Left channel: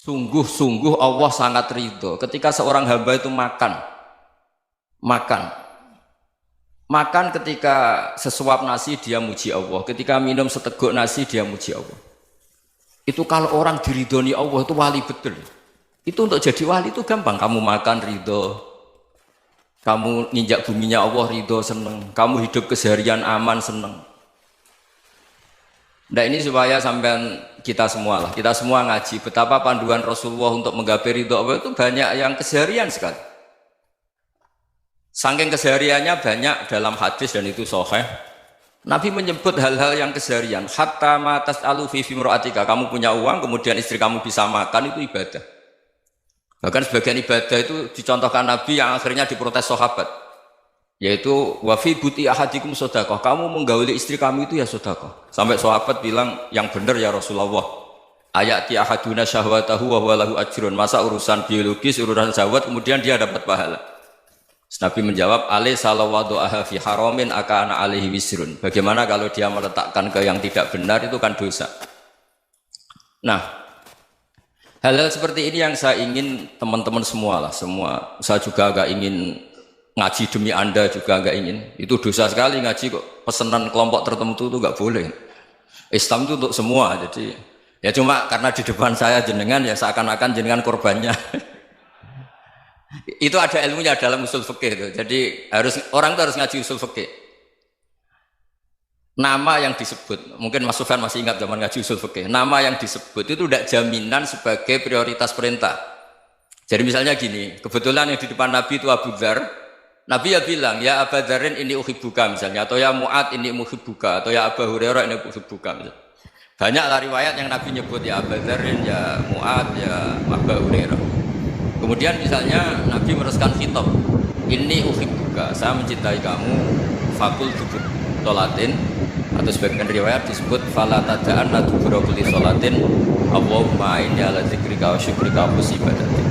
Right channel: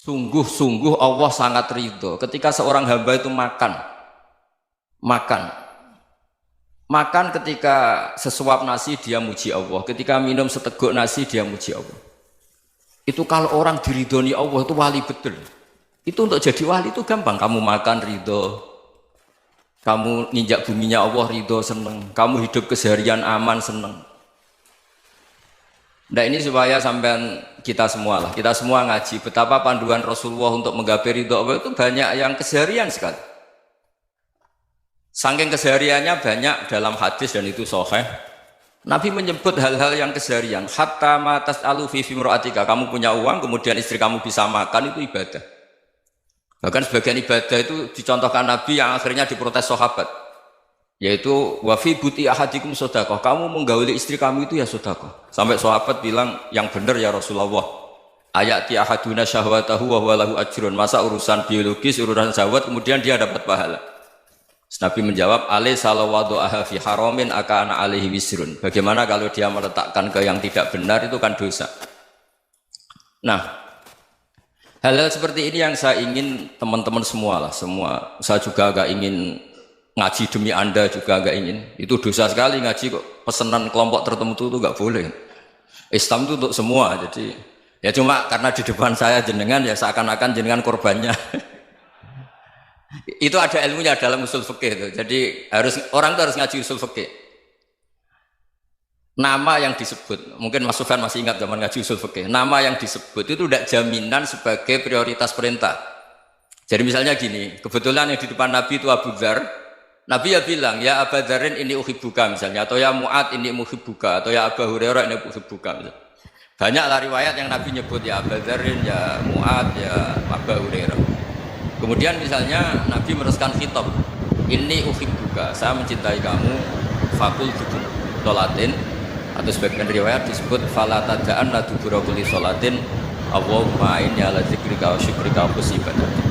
Sungguh-sungguh Allah sangat ridho ketika seorang hamba itu makan. Makan ketika sesuap nasi dia muji Allah, ketika minum seteguk nasi dia muji Allah. Itu kalau orang diridhoni Allah itu wali betul. Itu untuk jadi wali itu gampang. Kamu makan ridho, kamu ninjak buminya Allah ridho seneng, kamu hidup keseharian aman seneng. Nah ini supaya sampean kita semua ngaji betapa panduan Rasulullah untuk menggapai ridho Allah itu banyak yang keseharian sekali. Saking kesehariannya banyak dalam hadis dan itu sahih. Nabi menyebut hal-hal yang keseharian. Hatta ma tas'alu fi imra'atika, kamu punya uang kemudian istri kamu bisa makan itu ibadah. Bahkan sebagian ibadah itu dicontohkan Nabi yang akhirnya diprotes sahabat. Yaitu wa fi buti ahadikum sedekah, kamu menggauli istri kamu itu ya sedekah. Sampai sahabat bilang yang benar ya Rasulullah. Ayati ahaduna syahwatahu wa huwa lahu ajrun. Masa urusan biologis, urusan syahwat kemudian dia dapat pahala. Nabi menjawab, alaysa lawadhu'aha fi haramin akana alaihi wisrun. Bagaimana kalau dia meletakkan ke yang tidak benar itu kan dosa. Nah, hal-hal seperti ini yang saya ingin teman-teman semua. Saya juga agak ingin ngaji demi Anda juga agak ingin. Itu dosa sekali ngaji kok pesanan kelompok tertentu itu enggak boleh. Islam itu untuk semua. Jadi ya cuma karena di depan saya jenengan ya seakan-akan jenengan korbannya. Itu ada ilmunya dalam usul fikih itu. Jadi orang itu harus ngaji usul fikih. Nama yang disebut, mungkin Mas Sufyan masih ingat zaman ngaji usul fikih. Nama yang disebut itu tidak jaminan sebagai prioritas perintah. Jadi misalnya gini, kebetulan yang di depan Nabi itu Abu Dzar. Nabi ya bilang, ya Abu Dzarin ini uhibbuka misalnya, atau ya Mu'ad ini muhibbuka, atau ya Abu Hurairah ini uhibbuka misalnya. Banyaklah riwayat yang Nabi nyebut ya Abu Dzarin, ya Mu'ad, ya Abu Hurairah. Kemudian misalnya Nabi meneruskan khitab, ini uhibbuka, saya mencintai kamu, fakul dubur sholatin, atau sebagian riwayat disebut fala tada'an la dubura kulli sholatin Allahumma inni ala dzikrika wa syukrika wa husni ibadatik.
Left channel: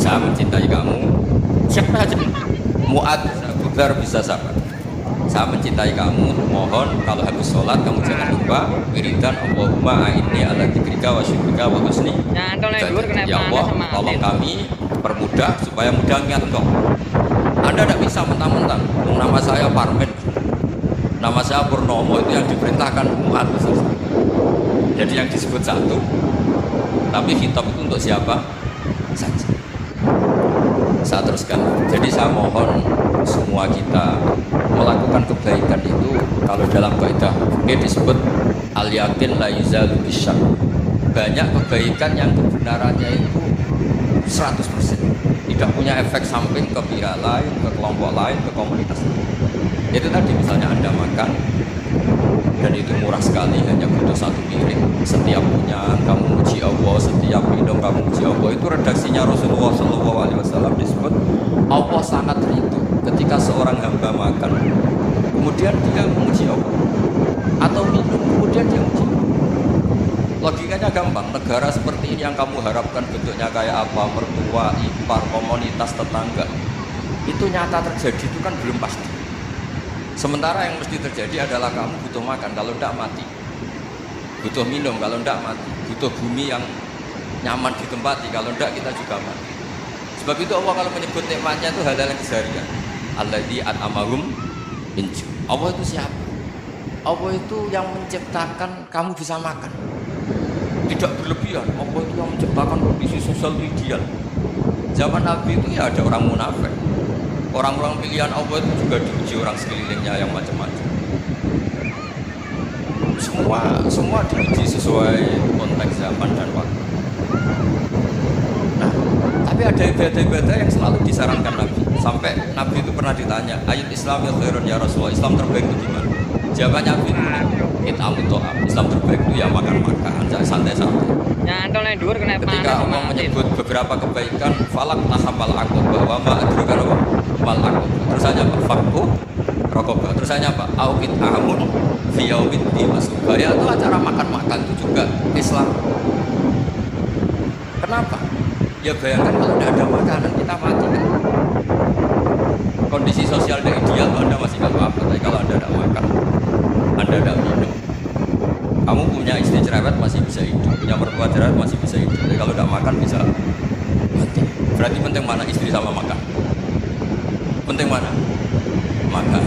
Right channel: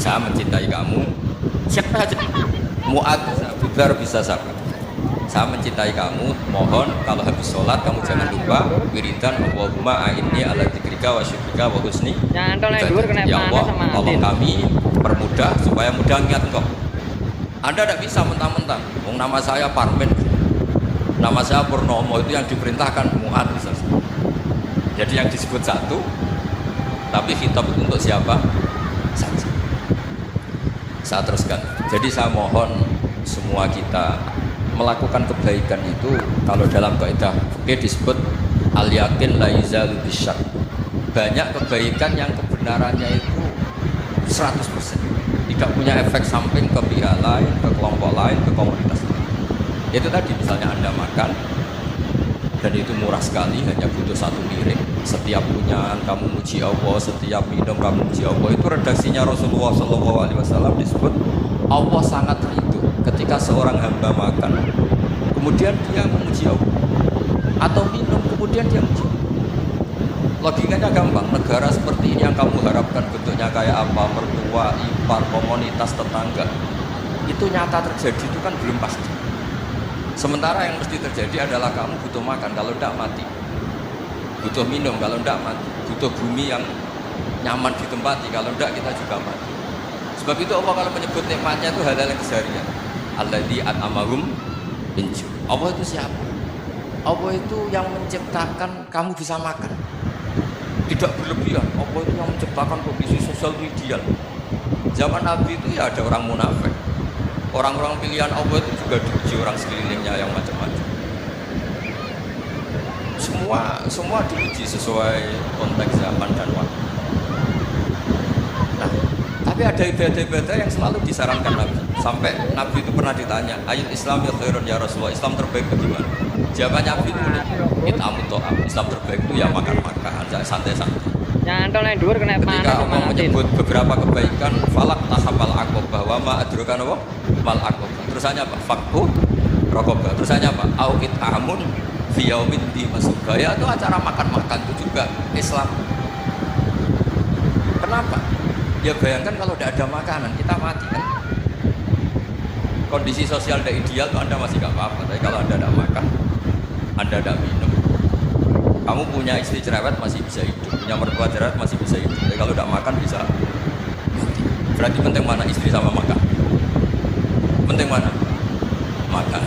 Saya mencintai kamu, siapa aja Mu'ad, Abu Dzar bisa sabar. Saya mencintai kamu, mohon kalau habis sholat kamu jangan lupa wiridan Allahumma a'inni ala dzikrika wa syukrika wa husni ibadatik. Ya Allah, tolong kami permudah supaya mudah ingat Engkau. Anda tidak bisa mentang-mentang nama saya Parmen, nama saya Purnomo, itu yang diperintahkan Mu'ad misalnya. Jadi yang disebut satu, tapi khitab itu untuk siapa saja. Saya teruskan. Jadi saya mohon semua kita melakukan kebaikan itu, kalau dalam kaidah fikih disebut al-yakin la yuzalu bisyak. Banyak kebaikan yang kebenarannya itu 100%, tidak punya efek samping ke pihak lain, ke kelompok lain, ke komunitas lain. Itu tadi misalnya Anda makan dan itu murah sekali, hanya butuh satu piring. Setiap punyaan kamu muji Allah, setiap minum kamu muji Allah. Itu redaksinya Rasulullah SAW disebut Allah sangat ridho ketika seorang hamba makan kemudian dia memuji Allah, atau minum kemudian dia muji. Logikanya gampang. Negara seperti ini yang kamu harapkan bentuknya kayak apa, mertua, ipar, komunitas, tetangga, itu nyata terjadi itu kan belum pasti. Sementara yang mesti terjadi adalah kamu butuh makan, kalau tidak mati. Butuh minum, kalau tidak mati. Butuh bumi yang nyaman ditempati, kalau tidak kita juga mati. Sebab itu Allah kalau menyebut nikmatnya itu hal-hal yang keseharian. Alladzi at'amahum min ju'. Allah itu siapa? Allah itu yang menciptakan kamu bisa makan. Tidak berlebihan. Allah itu yang menciptakan kondisi sosial itu ideal. Zaman Nabi itu ya ada orang munafik. Orang-orang pilihan Allah itu juga diuji orang sekelilingnya yang macam-macam. Semua diuji sesuai konteks zaman dan waktu. Nah, tapi ada ibadah-ibadah yang selalu disarankan Nabi. Sampai Nabi itu pernah ditanya, ayat Islam ya khairun ya Rasulullah, Islam terbaik itu gimana? Jawabannya Nabi itu nih, it'amut ta'am. Islam terbaik itu ya makan-makan, santai-santai. Ketika Allah menyebut beberapa kebaikan, falak tahamal aqobah wa ma adraka mal aqobah. Terusannya apa? Fakku raqobah. Terusannya apa? Au it'amun fi yaumin di masubah. Ya itu acara makan-makan itu juga Islam. Kenapa? Ya bayangkan kalau tidak ada makanan kita mati kan. Kondisi sosial tidak ideal, Anda masih gak apa-apa. Tapi kalau Anda tidak makan, Anda tidak minum, Kamu punya istri cerewet masih bisa hidup, punya mertua cerewet masih bisa hidup. Tapi kalau tidak makan bisa mati. Berarti penting mana istri sama makan? Penting mana? Makan.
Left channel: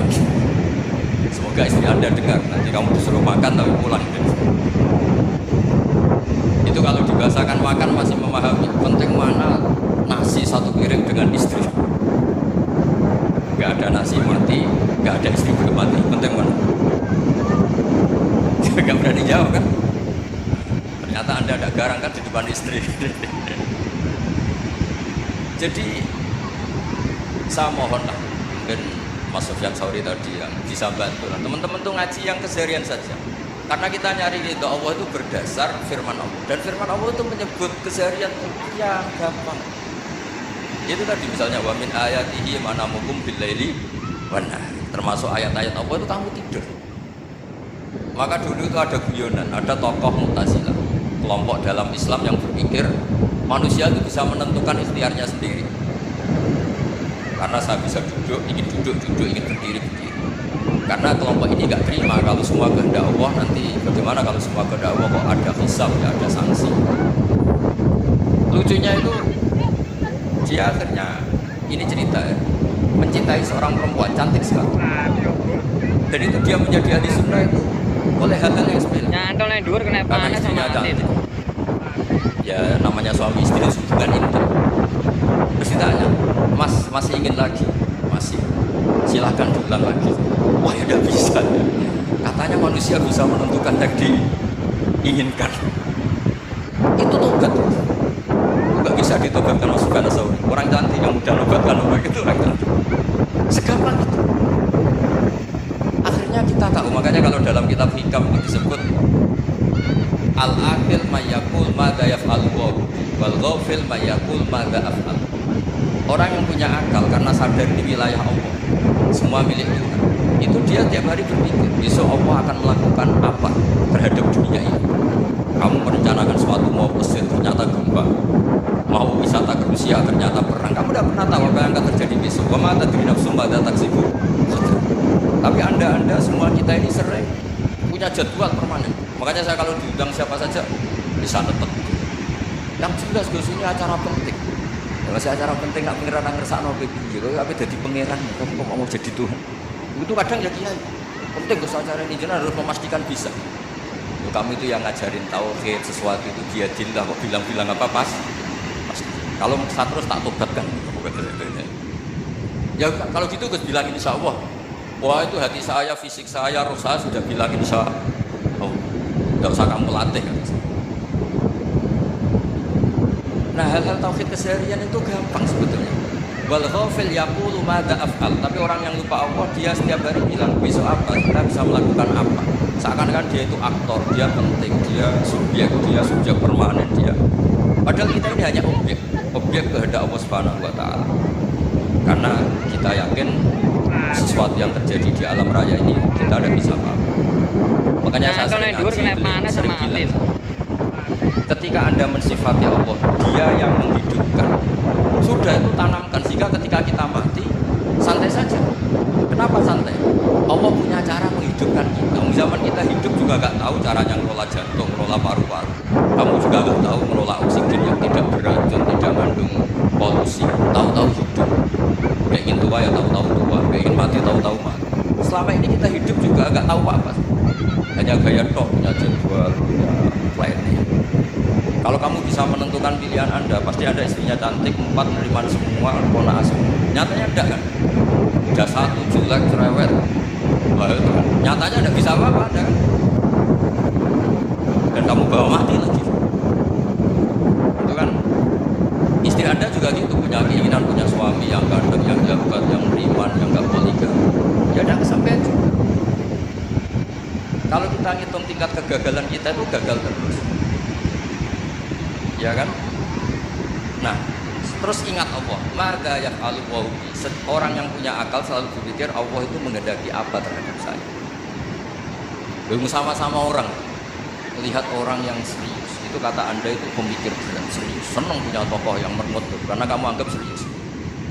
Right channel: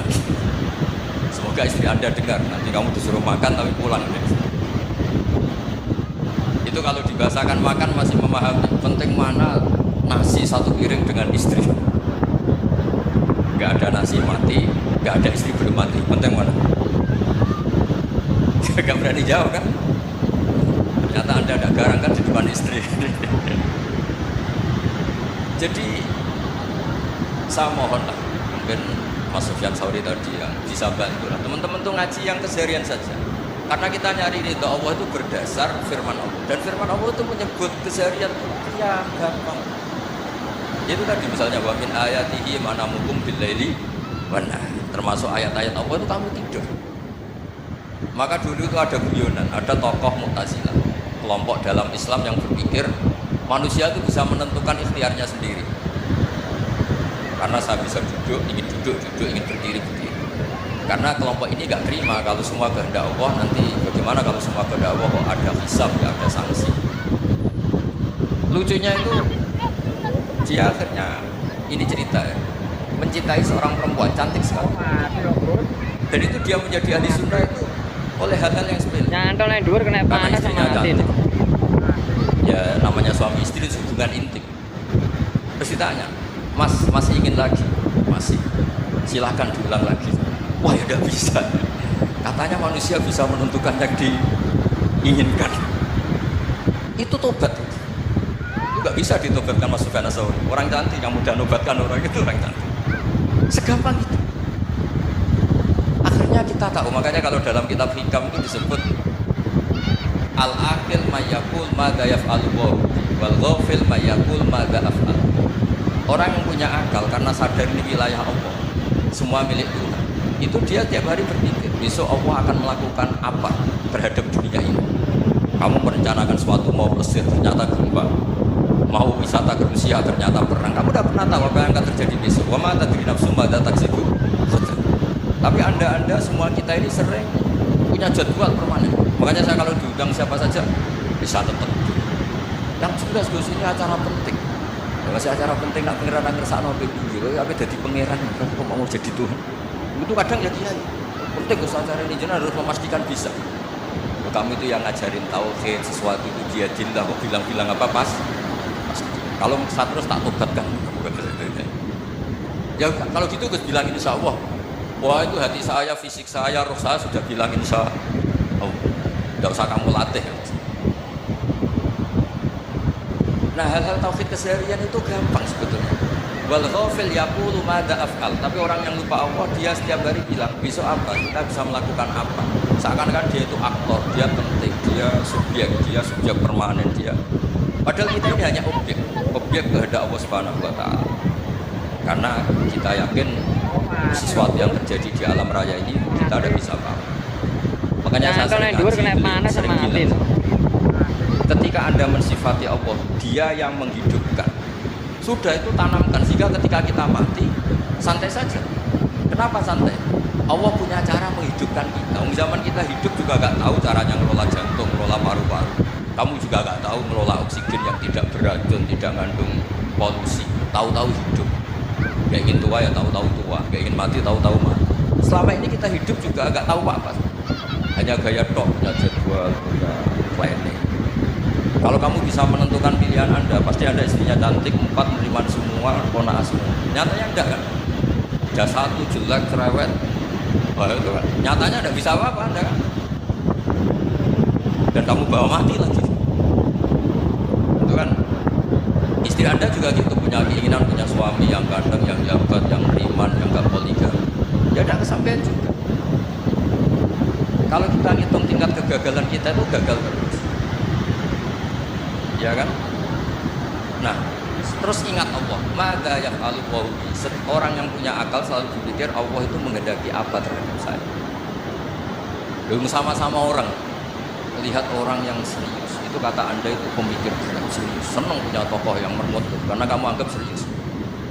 Semoga istri Anda dengar. Nanti kamu disuruh makan tapi pulang. Itu kalau dibahasakan makan masih memahami. Penting mana nasi satu piring dengan istri. Gak ada nasi mati, gak ada istri belum mati. Penting mana? Gak berani jawab kan? Ternyata Anda ada garang kan di depan istri. Jadi saya mohon lah, mungkin Mas Sufyan Sauri tadi yang bisa bantu lah. Teman-teman tuh ngaji yang keseharian saja. Karena kita nyari ridho Allah itu berdasar firman Allah. Dan firman Allah itu menyebut keseharian itu yang gampang. Itu tadi misalnya wa min ayatihi manamukum billaili wan nahar. Termasuk ayat-ayat Allah itu kamu tidur. Maka dulu itu ada guyonan, ada tokoh Mu'tazilah, kelompok dalam Islam yang berpikir manusia itu bisa menentukan ikhtiarnya sendiri. Karena saya bisa duduk, ingin ingin berdiri. Karena kelompok ini gak terima kalau semua kehendak Allah, nanti bagaimana kalau semua kehendak Allah kok ada hisab, ya ada sanksi. Lucunya itu dia akhirnya, ini cerita ya, mencintai seorang perempuan cantik sekali. Dan itu dia menjadi ahli sunnah itu oleh hal-hal yang sepele. Nyantol yang dhuwur kena Karena panas istrinya sama mati. cantik. Ya namanya suami istri hubungan intim. Terus ditanya, Mas masih ingin lagi? Masih. Silahkan diulang lagi. Wah ya udah bisa ya. Katanya manusia bisa menentukan yang diinginkan. Itu tobat. Enggak bisa ditobatkan Mas Sufyan Ats-Tsauri. Orang cantik yang mudah nobatkan orang itu orang cantik. Segampang itu. Akhirnya kita tahu, makanya kalau dalam kitab Hikam itu disebut al-aqil mayyakul madza yaf'alu wal ghafil mayyakul madza af'al. Orang yang punya akal karena sadar ini wilayah Allah, semua milik Tuhan, itu dia tiap hari berpikir besok Allah akan melakukan apa terhadap dunia ini. Kamu merencanakan suatu mau Mesir ternyata gempa, mau wisata ke Rusia ternyata perang. Kamu tidak pernah tahu apa yang akan terjadi besok. Wa ma tadri nafsum madza taksibu ghadan. Tapi anda semua kita ini sering punya jadwal permanen. Makanya saya kalau diundang siapa saja bisa tetap. Yang jelas Gus ini acara penting. Ya masih acara penting nak pangeran ngersakno piye. Kok ape dadi pangeran kamu kok mau jadi Tuhan. Itu kadang ya kiai. Penting Gus acara ini jenengan harus memastikan bisa. Loh, kamu itu yang ngajarin tauhid sesuatu itu biadillah kok bilang-bilang apa pas. Kalau terus tak tobatkan kamu kata ya kalau gitu Gus bilang insyaallah. Wah itu hati saya, fisik saya, roh saya sudah bilang insya Allah. Tidak usah kamu latih. Nah hal-hal tauhid keseharian itu gampang sebetulnya. Wal ghafil yaqulu madza af'al. Tapi orang yang lupa Allah dia setiap hari bilang besok apa, kita bisa melakukan apa. Seakan-akan dia itu aktor, dia penting, dia subjek permanen dia. Padahal kita ini hanya objek kehendak Allah Subhanahu wa taala. Karena kita yakin sesuatu yang terjadi di alam raya ini kita tidak bisa apa-apa. Makanya saya sering bilang, ketika Anda mensifati Allah, Dia yang menghidupkan. Sudah itu tanamkan sehingga ketika kita mati santai saja. Kenapa santai? Allah punya cara menghidupkan kita. Zaman kita hidup juga gak tahu caranya ngelola jantung, ngelola paru-paru. Kamu juga gak tahu ngelola oksigen yang tidak beracun, tidak mengandung polusi. Tahu-tahu hidup. Gak ingin tua ya tahu-tahu tua, gak ingin mati tahu-tahu mati. Selama ini kita hidup juga gak tahu apa-apa. Hanya gaya tok, punya jadwal, punya planning. Kalau kamu bisa menentukan pilihan Anda, pasti Anda istrinya cantik, 4 menerima semua, ponakan semua. Nyatanya enggak kan? Ada 1 jelek, cerewet. Wah itu kan. Nyatanya enggak bisa apa-apa Anda kan? Dan kamu bawa mati lagi. Itu kan. Istri Anda juga gitu, punya keinginan punya suami yang ganteng, yang jabat, yang riman, yang enggak poligami. Ya ada kesampaian juga. Kalau kita ngitung tingkat kegagalan kita itu gagal terus. Ya kan? Nah, terus ingat Allah. Madza yaf'alu wa bi. Orang yang punya akal selalu berpikir Allah itu menghendaki apa terhadap saya. Belum sama-sama orang. Lihat orang yang serius. Itu kata Anda itu pemikir berat, serius. Senang punya tokoh yang mermut tuh, karena kamu anggap serius.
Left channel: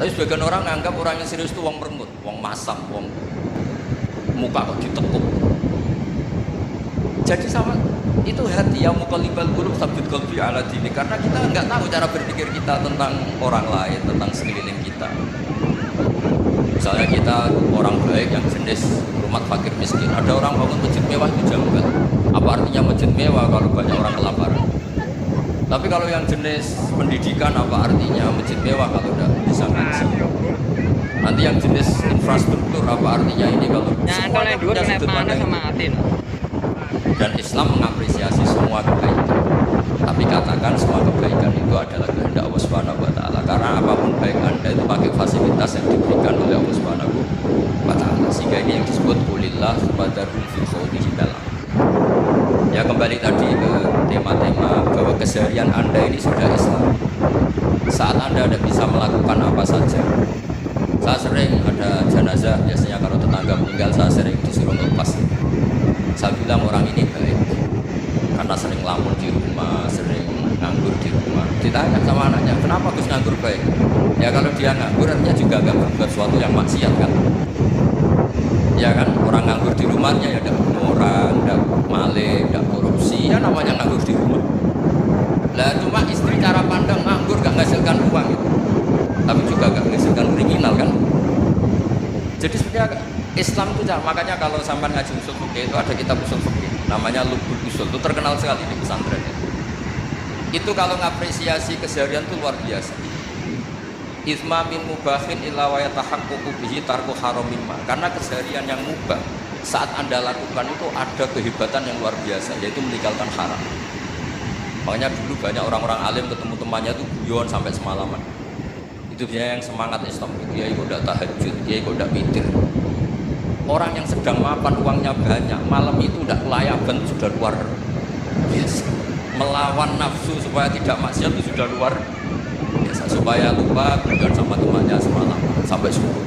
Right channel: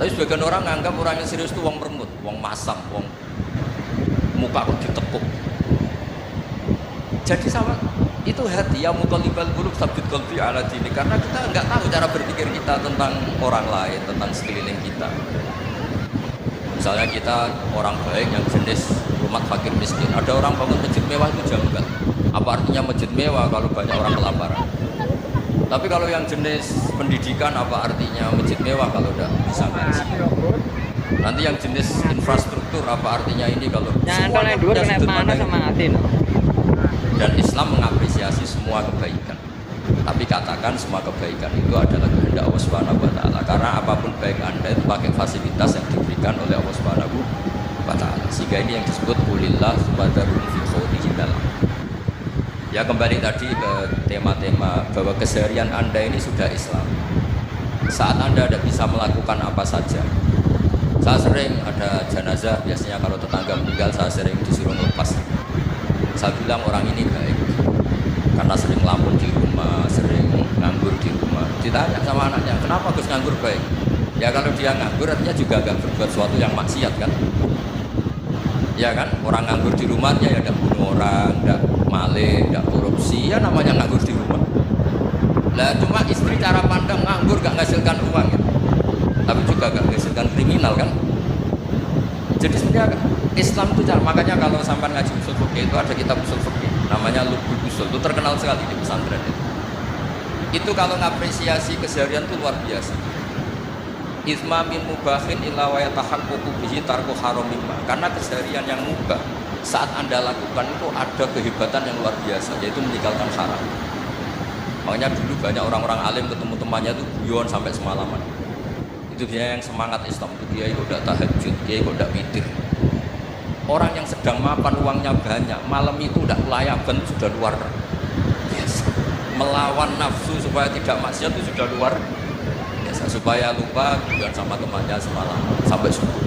Tapi sebagian orang anggap orang yang serius itu wong mermut, wong masam, wong muka kok ditekuk. Jadi sama Itu hati yang muqallibal qulub tsabbit qalbi ala dinik, karena kita nggak tahu cara berpikir kita tentang orang lain, tentang sekeliling kita. Misalnya kita orang baik yang jenis rumah fakir miskin, ada orang bangun masjid mewah itu janggal. Apa artinya masjid mewah kalau banyak orang kelaparan? Tapi kalau yang jenis pendidikan, apa artinya masjid mewah kalau udah bisa ngaji? Nanti yang jenis infrastruktur, apa artinya ini kalau semuanya punya sudut pandang itu. Dan Islam mengapresiasi semua kebaikan. Tapi katakan semua kebaikan itu adalah kehendak Allah Subhanahu wa taala. Karena apapun baik Anda itu pakai fasilitas yang diberikan oleh Allah Subhanahu wa taala. Sehingga ini yang disebut qulillah subhanahu fil khawdihi dalam. Ya kembali tadi ke tema-tema bahwa keseharian Anda ini sudah Islam. Saat Anda tidak bisa melakukan apa saja. Saya sering ada jenazah, biasanya kalau tetangga meninggal saya sering disuruh ngelepas. Saya bilang orang ini baik karena sering lamun di rumah, sering nganggur di rumah. Ditanya sama anaknya, kenapa Gus nganggur baik? Ya kalau dia nganggur artinya juga agak berbuat sesuatu yang maksiat kan. Ya kan, orang nganggur di rumahnya ya tidak bunuh orang, tidak maling, tidak korupsi, ya namanya nganggur di rumah. Lah cuma istri cara pandang nganggur gak menghasilkan uang gitu. Tapi juga gak menghasilkan kriminal kan. Jadi sebenarnya Islam itu makanya kalau sampai ngaji usul fikih itu ada kitab usul fikih namanya Lubul Usul, itu terkenal sekali di pesantren itu kalau ngapresiasi keseharian itu luar biasa. Isma min mubahin illa wa yatahaqqaqu bihi tarku haramimma, karena keseharian yang mubah saat Anda lakukan itu ada kehebatan yang luar biasa, yaitu meninggalkan haram. Makanya dulu banyak orang-orang alim ketemu temannya itu guyon sampai semalaman. Itu biasanya yang semangat Islam itu kiai kok tidak tahajud, kiai kok tidak witir. Orang yang sedang mapan uangnya banyak, malam itu tidak kelayaban itu sudah luar biasa. Melawan nafsu supaya tidak maksiat itu sudah luar biasa. Supaya lupa guyon sama temannya semalaman sampai subuh.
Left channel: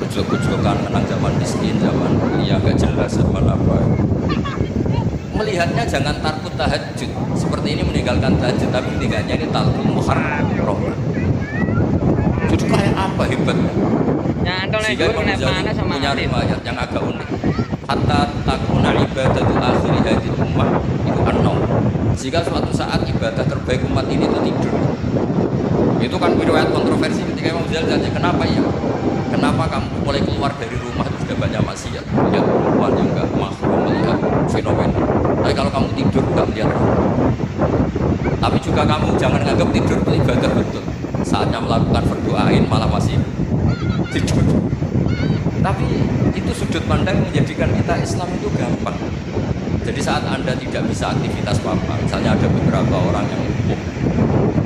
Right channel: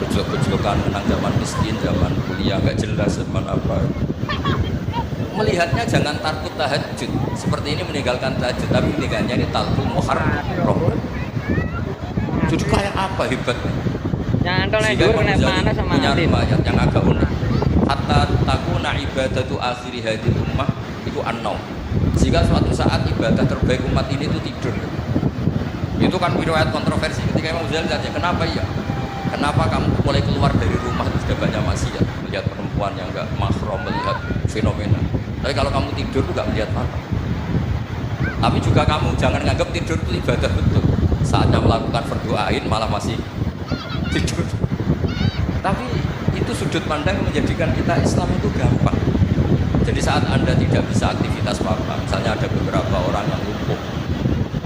Gejlok-gejlokan menang zaman miskin, zaman kuliah gak jelas, zaman apa. Melihatnya jangan takut tahajud. Seperti ini meninggalkan tahajud, tapi meninggalkannya ini talqul muharram. Jadi kayak apa hebatnya? Sehingga Imam Ghazali punya riwayat yang agak unik. Hatta takuna ibadatu akhiri hadil ummah itu an-naum. Jika suatu saat ibadah terbaik umat ini itu tidur. Itu kan riwayat kontroversi ketika Imam Ghazali tanya, kenapa ya? Kenapa kamu mulai keluar dari rumah itu sudah banyak maksiat, melihat perempuan yang enggak mahram, melihat fenomena. Tapi kalau kamu tidur enggak melihat apa. Tapi juga kamu jangan menganggap tidur itu ibadah betul. Saatnya melakukan berdoain malah masih tidur. Tapi itu sudut pandang yang menjadikan kita Islam itu gampang. Jadi saat Anda tidak bisa aktivitas apa-apa, misalnya ada beberapa orang yang lumpuh.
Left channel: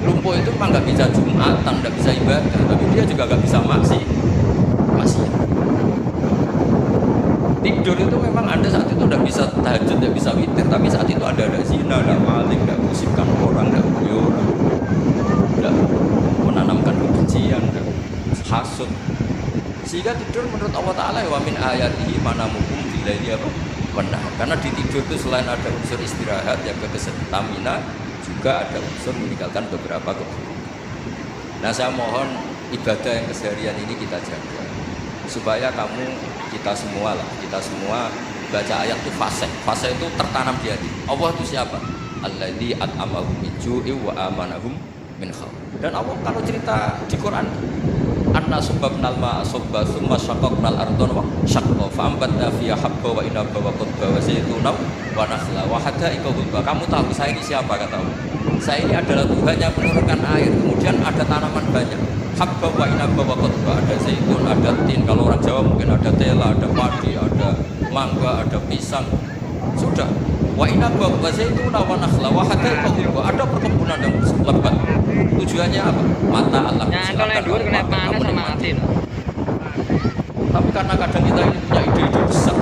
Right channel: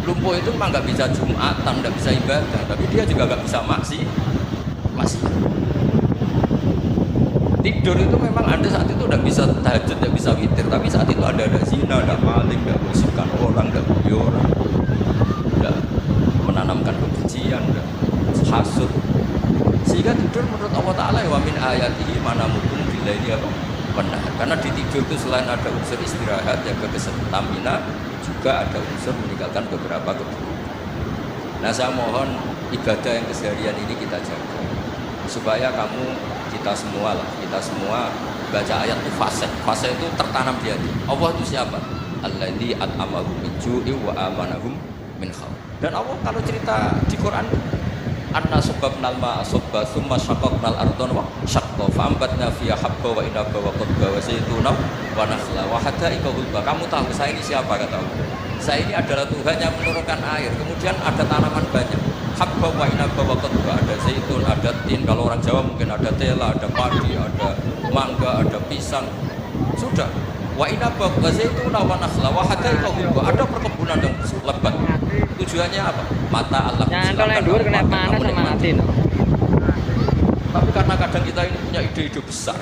Lumpuh itu memang nggak bisa Jumatan, nggak bisa ibadah, tapi dia juga nggak bisa maksiat. Tidur itu memang Anda saat itu tidak bisa tahajud, tidak bisa witir, tapi saat itu ada zina, ada maling, ada gosipkan orang, ada bully orang, ada menanamkan kebencian, ada hasud. Sehingga tidur menurut Allah Ta'ala wa min ayatihi manamukum billaili apa? Benar. Karena di tidur itu selain ada unsur istirahat, jaga kestamina, juga ada unsur meninggalkan beberapa keburukan. Nah saya mohon ibadah yang keseharian ini kita jaga. Supaya kita semua baca ayat itu fase itu tertanam di hati. Allah itu siapa? Alladzi at'amahum min ju'i wa amanahum min khauf. Dan Allah kalau cerita di Quran, anna subbabnal ma'a subba tsumma syaqqaqnal ardha wa syaqqa fa'ambatna fiha habba wa inaba wa qadba wa zaytuna wa nakhla wa hadaiqa ghulba. Kamu tahu saya ini siapa, kata Allah? Saya ini adalah Tuhan yang menurunkan air, kemudian ada tanaman banyak. Habba wa inaba wa qadba, ada zaitun, ada tin, kalau orang Jawa mungkin ada tela, ada padi, ada mangga, ada pisang. Sudah. Wa inaba wa zaituna wa nakhla wa hadaiqa ghulba, ada perkebunan yang lebat. Tujuannya apa? Mata Allah. Silakan kamu nikmati. Tapi karena kadang kita ini punya ide-ide besar.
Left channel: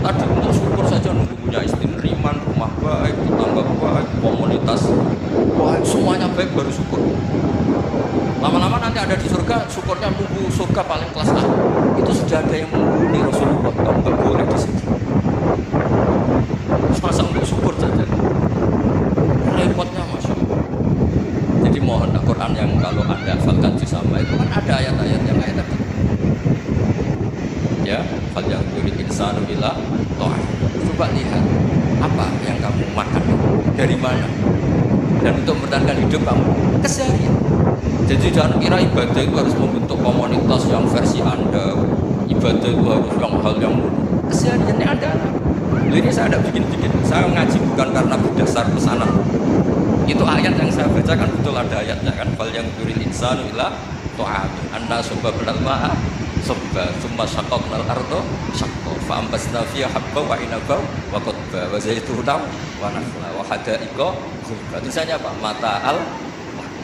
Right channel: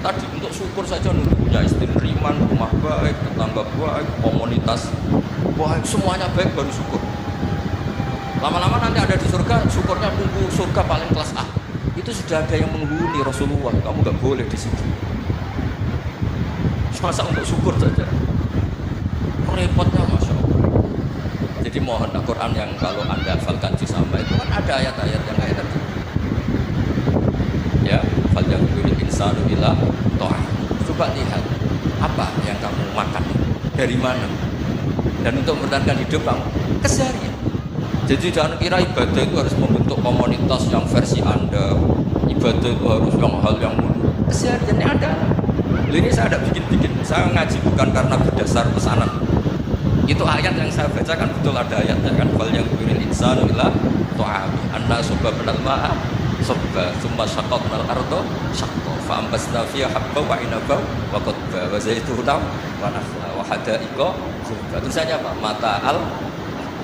Tadi untuk syukur saja nunggu punya istri riman, rumah baik, tetangga baik, komunitas baik, semuanya baik baru syukur. Lama-lama nanti ada di surga, syukurnya nunggu surga paling kelas A. Itu sudah ada yang menghuni Rasulullah, kamu nggak boleh di situ. Masa untuk syukur saja. Repotnya Masya Allah. Jadi mohon Al-Quran yang kalau Anda hafalkan sama itu kan ada ayat-ayat yang kayak tadi. Ya, fal yang insanu ila ta'ah. Coba lihat Apa yang kamu makan? Dari mana? Dan untuk mempertahankan hidup kamu keseharian. Jadi jangan kira ibadah itu harus membentuk komunitas yang versi Anda. Ibadah itu harus yang hal yang kesehariannya Anda lah. Ini saya tidak bikin-bikin. Saya ngaji bukan karena berdasar pesanan. Itu ayat yang saya baca kan betul ada ayatnya kan. Fal yang yuril insanu ila ta'ami anna subabnal ma'a subba thumma syaqaqnal ardo syaqqa fa ambasna fiha habba wa inaba wa qadba wa zaituna wa nakhla wa hadaiqa ghulba. Tulisannya apa? Mata'al,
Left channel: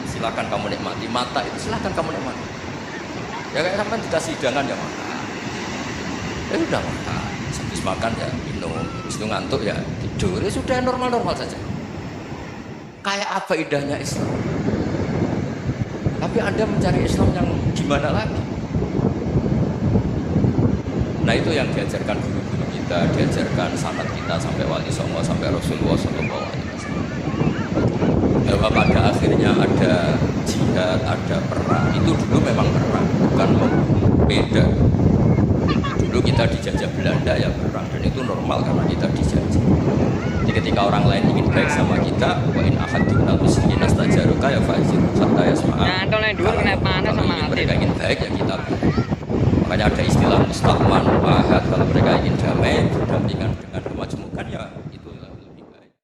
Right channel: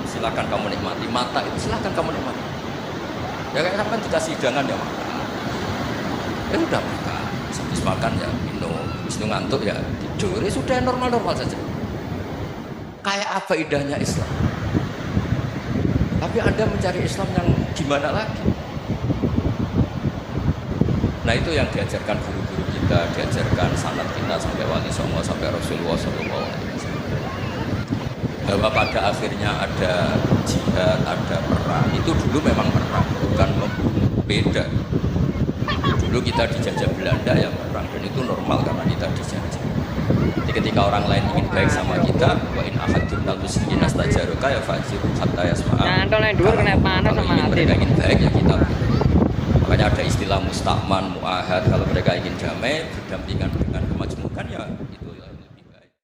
silakan kamu nikmati. Mata itu silakan kamu nikmati. Ya kayak sampai dikasih hidangan ya makan. Ya sudah makan. Habis makan ya minum. Habis itu ngantuk ya tidur. Ya sudah normal-normal saja. Kayak apa indahnya Islam. Tapi Anda mencari Islam yang gimana lagi? Nah itu yang diajarkan guru-guru kita, diajarkan sanad kita sampai Wali Songo, sampai Rasulullah SAW. Bahwa pada akhirnya ada jihad, ada perang. Itu dulu memang perang, bukan beda. Dulu kita dijajah Belanda ya perang, dan itu normal karena kita dijajah. Jadi ketika orang lain ingin baik sama kita, wa in ahadun minal musyrikin astajaruka ya fajiru hatta yasma'a. Kalau ingin mereka ingin baik ya kita baik. Makanya ada istilah musta'man, mu'ahad. Kalau mereka ingin damai, berdampingan dengan kemajmukan ya